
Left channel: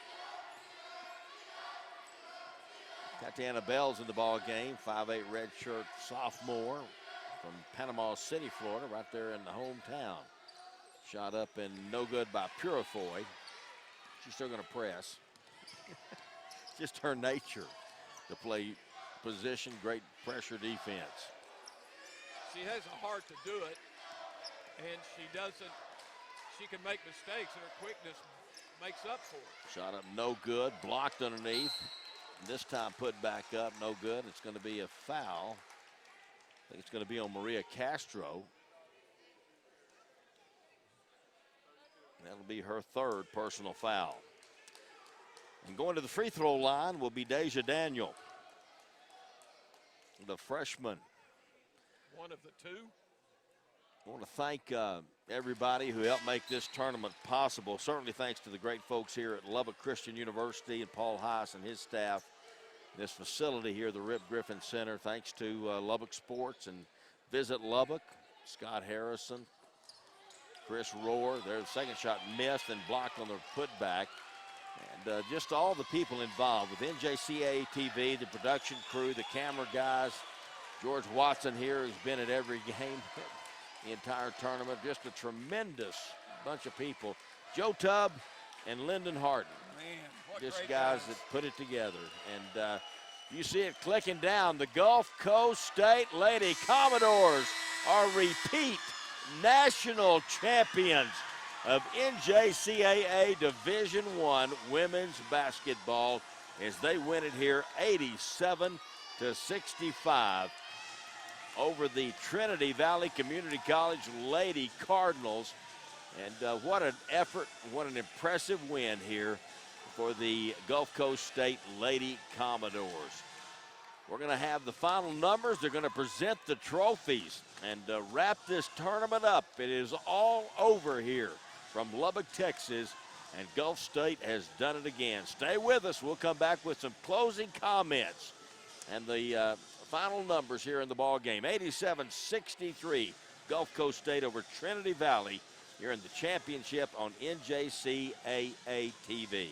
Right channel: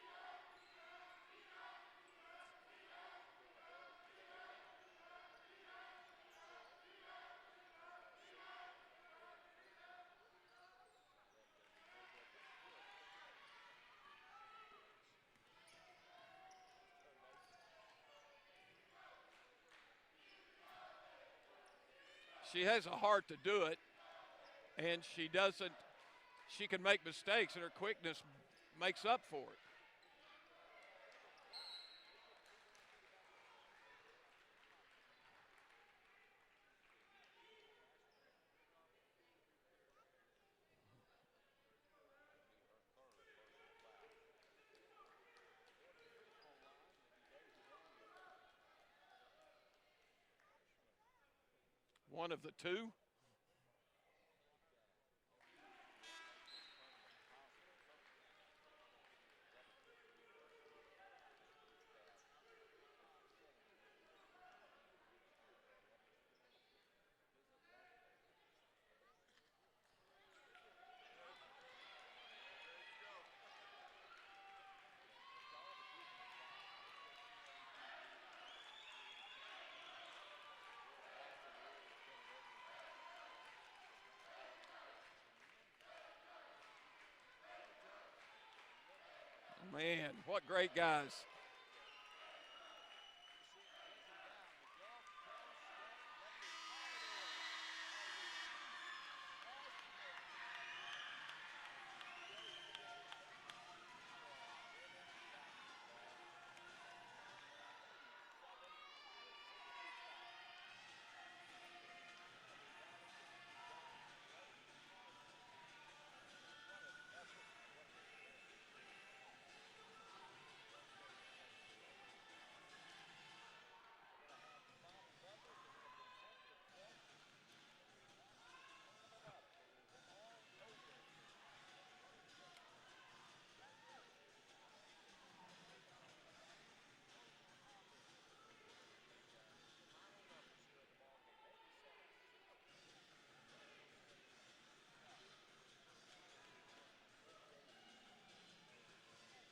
Tatiana Bell's in the ball game, 5'8" redshirt sophomore from Panama City, Florida, right there in the hometown. Shot up and no good by Purifoy. She's still going to press. Just her nature to play position, great pressure defense. She has a heart to do it, and she doesn't. She can make mistakes, and her quickness makes up for it. Shot up, no good. Blocked underneath. This time put back up, no good. It's going to be a foul. I think it's going to be on Maria Castro. That'll be her 3rd personal foul. And going to the free throw line will be Deja Daniel, the freshman. One of the 2. I want to thank everybody who helped make this tournament possible. Certainly thanks to the great folks here at Lubbock Christian University and Paul Heiss and his staff. This facility here, the Rip Griffin Center. Thanks to Lubbock Sports and Visit Lubbock. Scott Harrison, Chris Rohr. Their second shot missed and blocked on the putback. And just all the people involved with NJCAA TV, the production crew, the camera guys. George Watson here has been at every game. The entire tournament, just a tremendous bunch of people. Joe Tubb and Lyndon Harden. Man, what just great guys that put it together. And you see it clicking down. The Gulf Coast State Lady Commodores are repeat national champions of NJCAA Division I women's basketball as they win it here 87-65. Over the Trinity Valley Community College Lady Cardinals. And what an effort, what an impressive win here for the Gulf Coast State Lady Commodores. We're going to have the final numbers. They're going to present the trophies and wrap this tournament up. It is all over here from Lubbock, Texas And Gulf State has done it again. Stay with us. We'll come back with some closing comments and the final numbers here in the ball game. 87-63, Gulf Coast State over Trinity Valley here in the championship on NJCAA TV.